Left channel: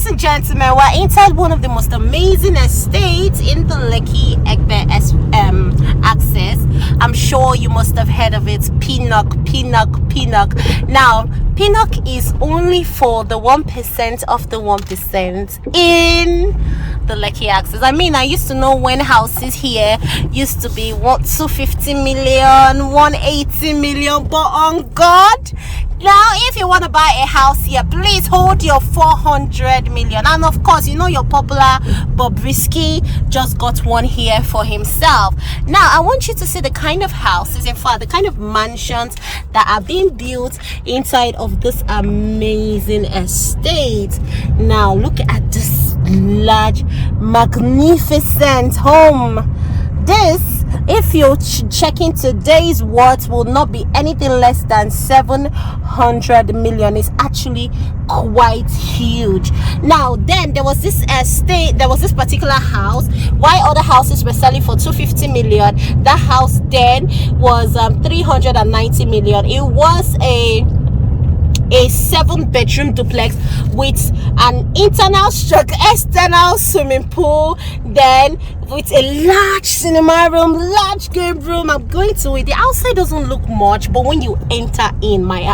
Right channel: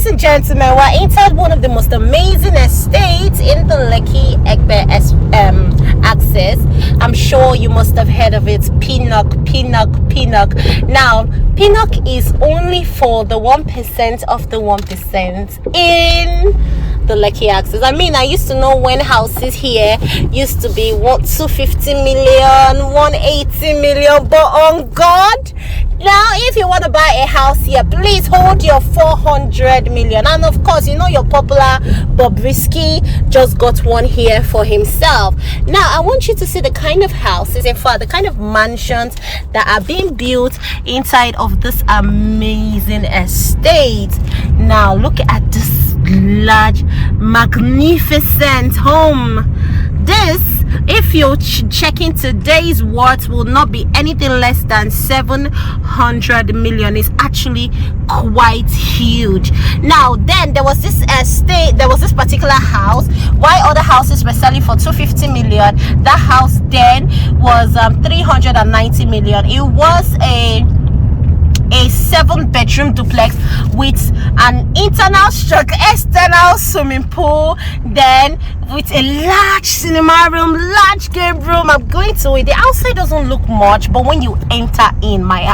ladies and gentlemen, we're inside one of the most amazing estates in the Lekki Egbe axis. I'm sure you must have heard of it. PINNOCK. Now, PINNOCK is only for the 1% of the 1% in the Lekki axis. I mean, I used to know when houses here used to be what, 250 million, 180 million, but on God, now if you want to buy a house here, please hold your 400 million. And of course, you know your popular Bobrisky just got one here for himself. Now I want you to see the kind of houses, in fact the kind of mansions that are being built inside of this amazing estate. Now look at this large, magnificent home. This, if you're checking today's worth, will not be anything less than 700 million. It's actually quite huge. Now then, there was this estate, there was this particular house. While other houses were selling for 250 million, that house then was 390 million. It was a 7-bedroom duplex with an internal stroke external swimming pool, then with a large cinema room, large game room. I'm going to it. The outside doesn't look much, but when you enter in, my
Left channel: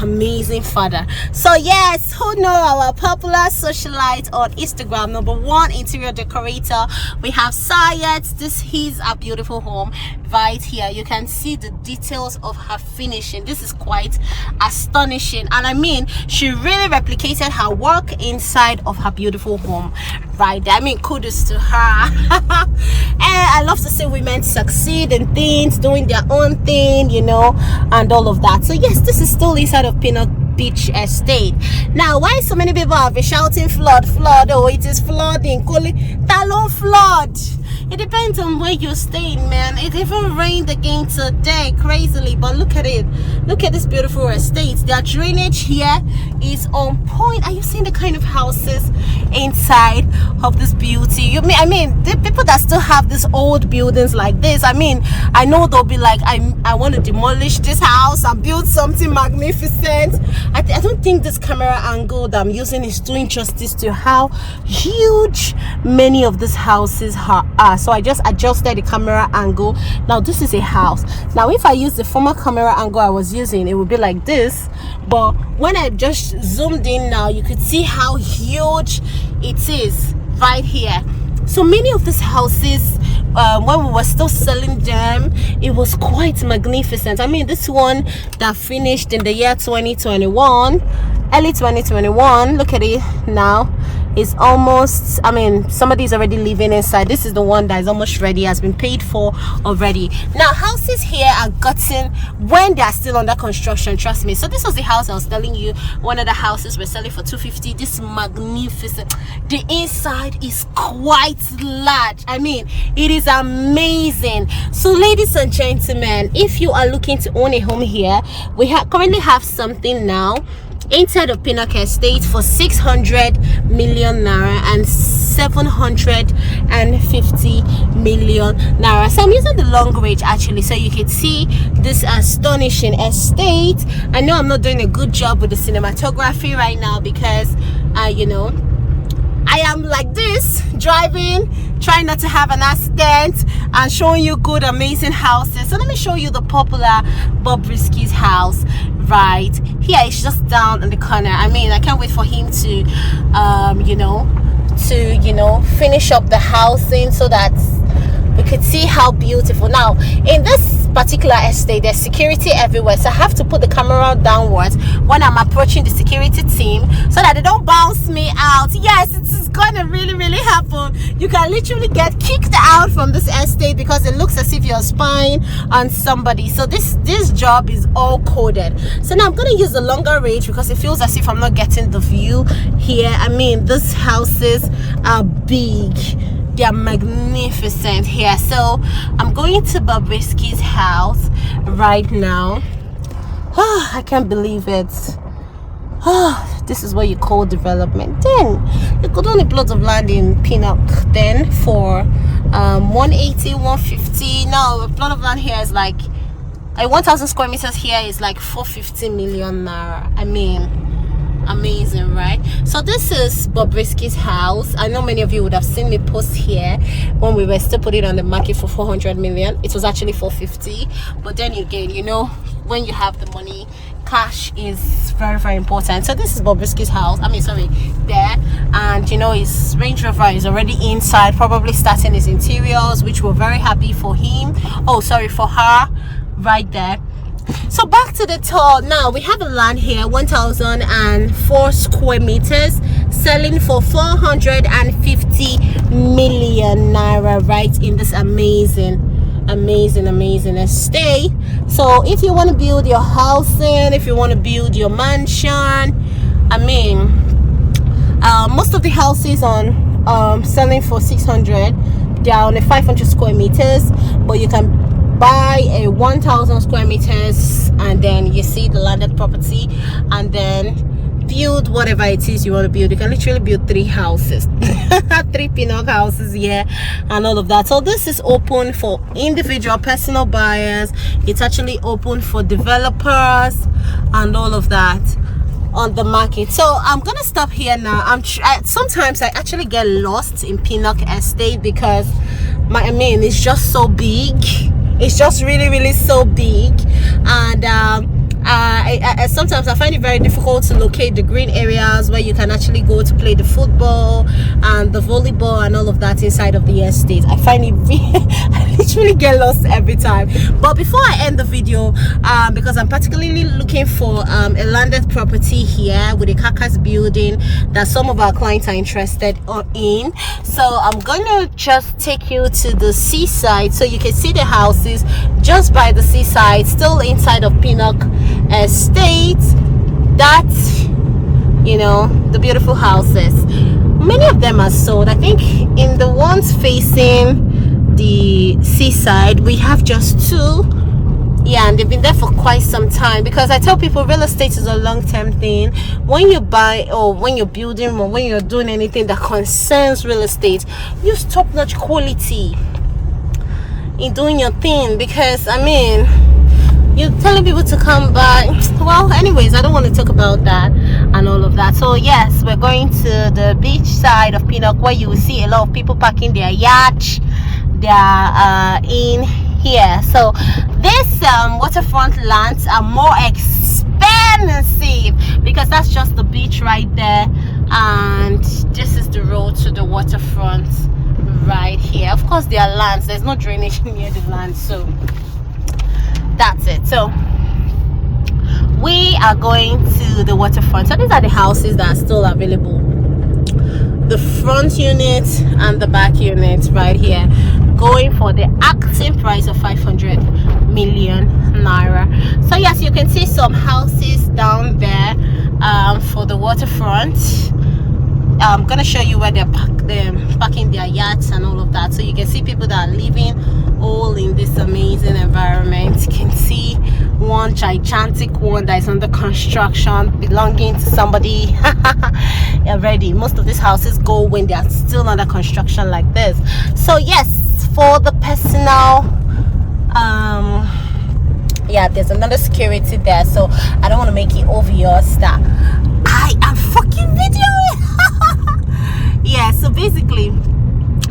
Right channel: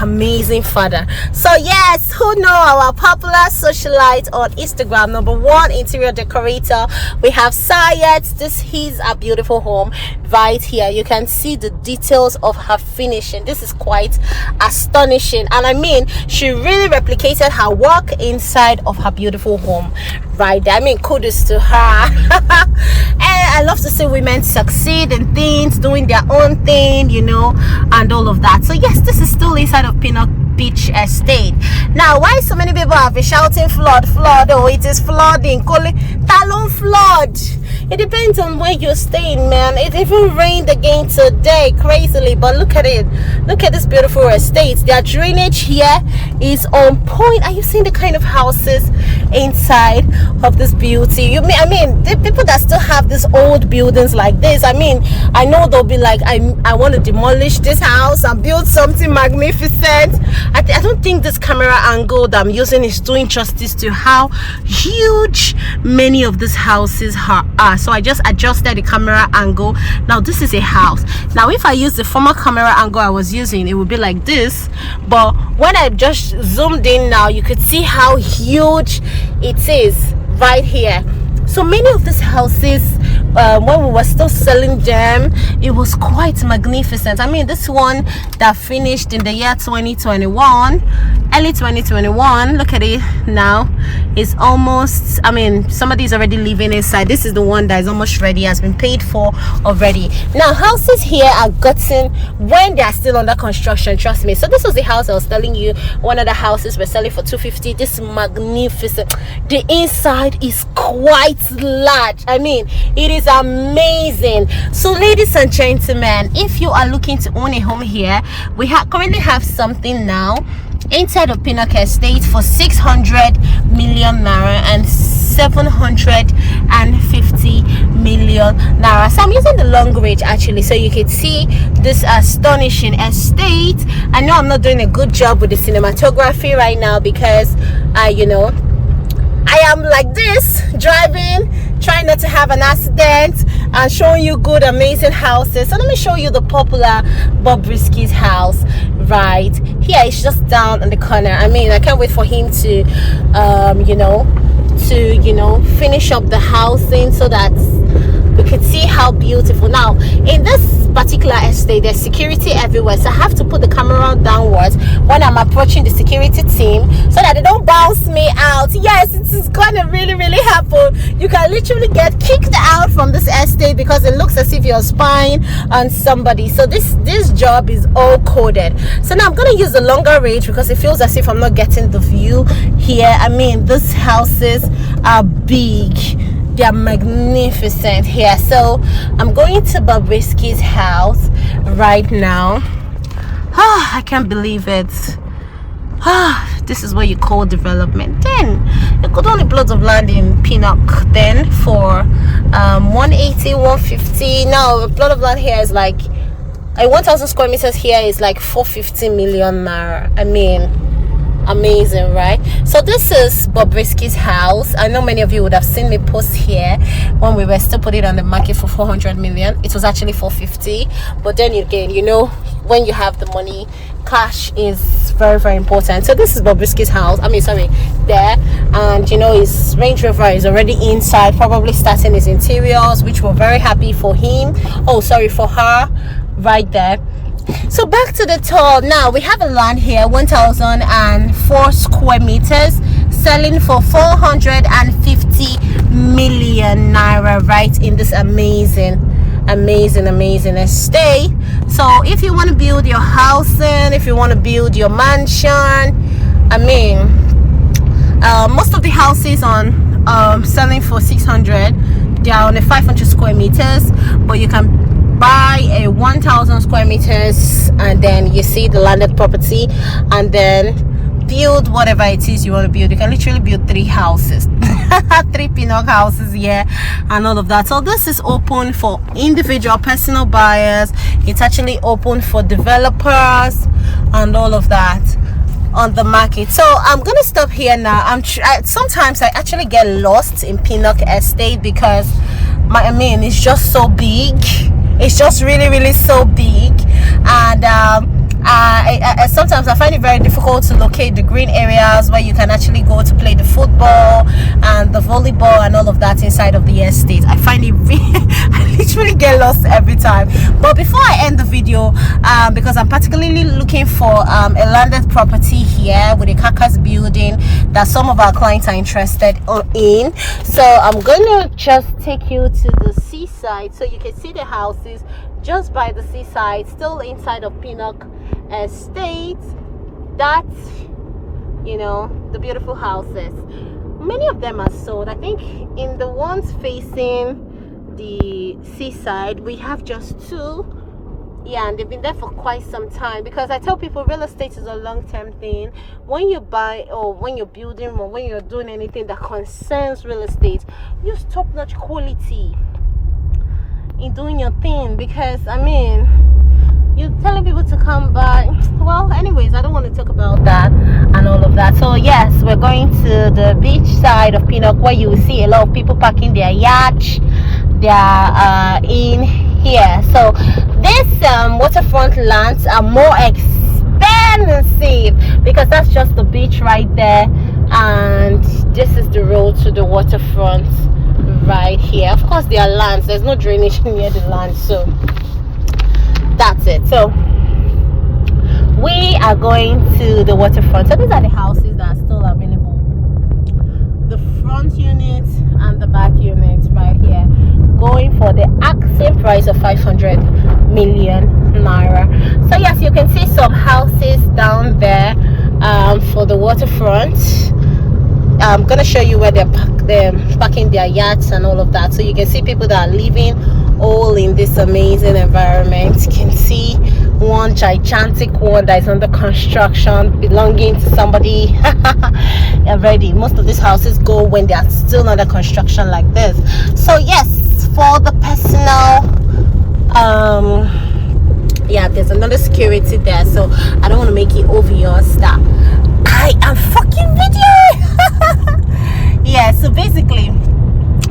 amazing father. So yes, who know our popular socialite on Instagram, #1 interior decorator, we have Sayed. This is a beautiful home right here. You can see the details of her finishing. This is quite astonishing, and I mean, she really replicated her work inside of her beautiful home right there. I mean, kudos to her. And I love to see women succeed in things, doing their own thing, you know, and all of that. So yes, this is still inside of PINNOCK Beach Estate. Now, why so many people have been shouting flood? Oh, it is flooding. Talon flood. It depends on where you're staying, man. It even rained again today, crazily, but look at it. Look at this beautiful estate. Their drainage here is on point. Are you seeing the kind of houses inside of this beauty? I mean, the people that still have these old buildings like this, I mean, I know they'll be like, I want to demolish this house and build something magnificent. I don't think this camera angle that I'm using is doing justice to how huge many of these houses are. So I just adjusted the camera angle. Now this is a house. Now if I use the former camera angle I was using, it would be like this, but when I just zoomed in now, you could see how huge it is right here. So many of these houses, when we were still selling them, it was quite magnificent. I mean, this one that finished in the year 2021, early 2021, look at it now. It's almost, I mean, somebody's already living inside. This is the one that is almost ready, has been paid for already. Now houses here are gotten when they are still under construction, trust me. So this was the house I was telling you, one of the houses we're selling for 250. This magnificent, the inside is quite large. I mean, it is amazing. So ladies and gentlemen, if you are looking to own a home here, we currently have something now inside of PINNOCK Estate for 600 million naira and 750 million naira. So I'm using the long range actually, so you can see this astonishing estate. I know I'm not doing a good job with the cinematography right now because you know, I am like this, driving, trying not to have an accident, and showing you good, amazing houses. So let me show you the popular Bobrisky's house right here. It's just down in the corner. I mean, I can't wait for him to, you know, finish up the housing so that we could see how beautiful. Now in this particular estate, there's security everywhere, so I have to put the camera downwards when I'm approaching the security team so that they don't bounce me out. Yes, it is gonna really happen. You can literally get kicked out from this estate because it looks as if you're spying on somebody. So this job is all coded. So now I'm gonna use the longer range because it feels as if I'm not getting the view here. I mean, these houses are big, they are magnificent here. So I'm going to Bobrisky's house right now. I can't believe it. This is what you call development. Then you could only plot of land in PINNOCK then for 180, 150. Now a plot of land here is like 1,000 square meters here is like 450 million naira. I mean, Amazing, right? So this is Bobrisky's house. I know many of you would have seen me post here when we were still putting it on the market for 400 million. It was actually 450, but then again, you know, when you have the money, cash is very, very important. So this is Bobrisky's house. I mean, sorry, there. And you know, his Range Rover is already inside, probably starting his interiors, which we're very happy for him. Oh, sorry, for her, right there. So back to the tour. Now we have a land here, 1,004 square meters, selling for 450 million naira, right in this amazing estate. So if you want to build your housing, if you want to build your mansion, I mean, most of the houses on selling for 600, they are on a 500 square meters, but you can buy a 1,000 square meters, and then you see the landed property, and then build whatever it is you want to build. You can literally build 3 houses, 3 PINNOCK houses here, and all of that. So this is open for individual personal buyers. It's actually open for developers and all of that on the market. So I'm gonna stop here now. Sometimes I actually get lost in PINNOCK estate because it's just so big. It's just really so big, and sometimes I find it very difficult to locate the green areas where you can actually go to play the football and the volleyball and all of that inside of the estate. I find it I literally get lost every time. But before I end the video, because I'm particularly looking for a landed property here with a carcass building that some of our clients are interested in, so I'm gonna just take you to the seaside so you can see the houses just by the seaside, still inside of PINNOCK estate. That's, you know, the beautiful houses. Many of them are sold. I think in the ones facing the seaside we have just 2. Yeah, and they've been there for quite some time, because I tell people real estate is a long-term thing. When you buy, or when you're building, or when you're doing anything that concerns real estate, use top-notch quality in doing your thing, because you're telling people to come by. Well, anyways, I don't want to talk about that and all of that. So yes, we're going to the beach side of PINNOCK, where you will see a lot of people parking their yacht. They are in here. So these waterfront lands are more expensive because that's just the beach right there, and this is the road to the waterfront right here. Of course, there are lands. There's no drainage near the land, so that's it. So we are going to the waterfront. So these are the houses that are still available, the front unit and the back unit right here, going for the asking price of 500 million naira. So yes, you can see some houses down there for the waterfront. I'm gonna show you where they're parking their yachts and all of that, so you can see people that are living all in this amazing environment. You can see one gigantic one that is under construction, belonging to somebody already. Most of these houses go when they are still under construction like this. So yes, for the personal yeah, there's another security there, so I don't want to make it obvious that I am fucking videoing. Yeah, so basically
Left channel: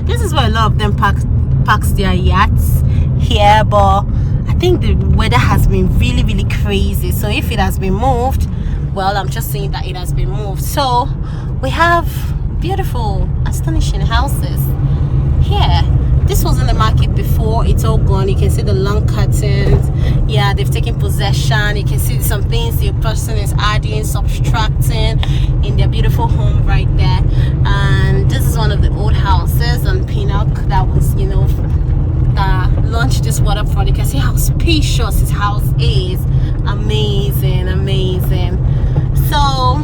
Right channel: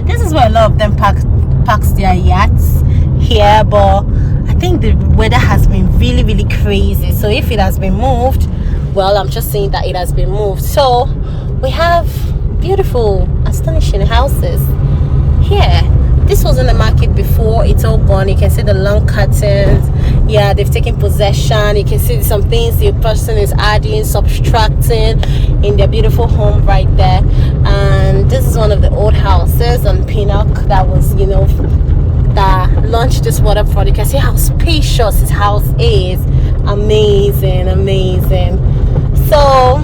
this is where a lot of them parks their yachts here, but I think the weather has been really crazy, so if it has been moved, well, I'm just saying that it has been moved. So we have beautiful, astonishing houses here. This was in the market before, it's all gone. You can see the long curtains. Yeah, they've taken possession. You can see some things the person is adding, subtracting in their beautiful home right there. And this is one of the old houses on PINNOCK that was, you know, that launched this waterfront. You can see how spacious his house is. Amazing. So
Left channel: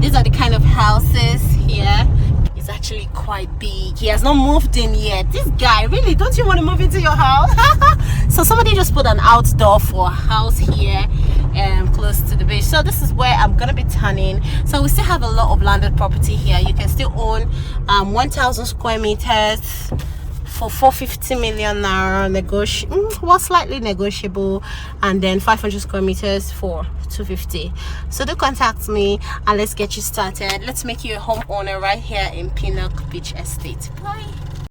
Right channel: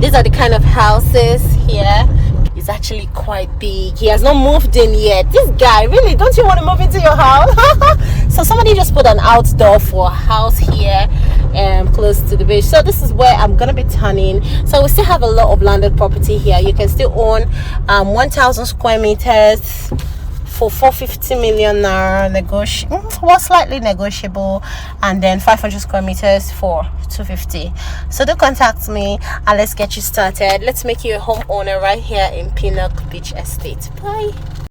these are the kind of houses here. It's actually quite big. He has not moved in yet. This guy, really, don't you want to move into your house? So somebody just put an outdoor for a house here close to the beach. So this is where I'm gonna be turning. So we still have a lot of landed property here. You can still own 1,000 square meters for 450 million naira, was slightly negotiable, and then 500 square meters for 250. So do contact me and let's get you started. Let's make you a homeowner right here in PINNOCK Beach Estate. Bye.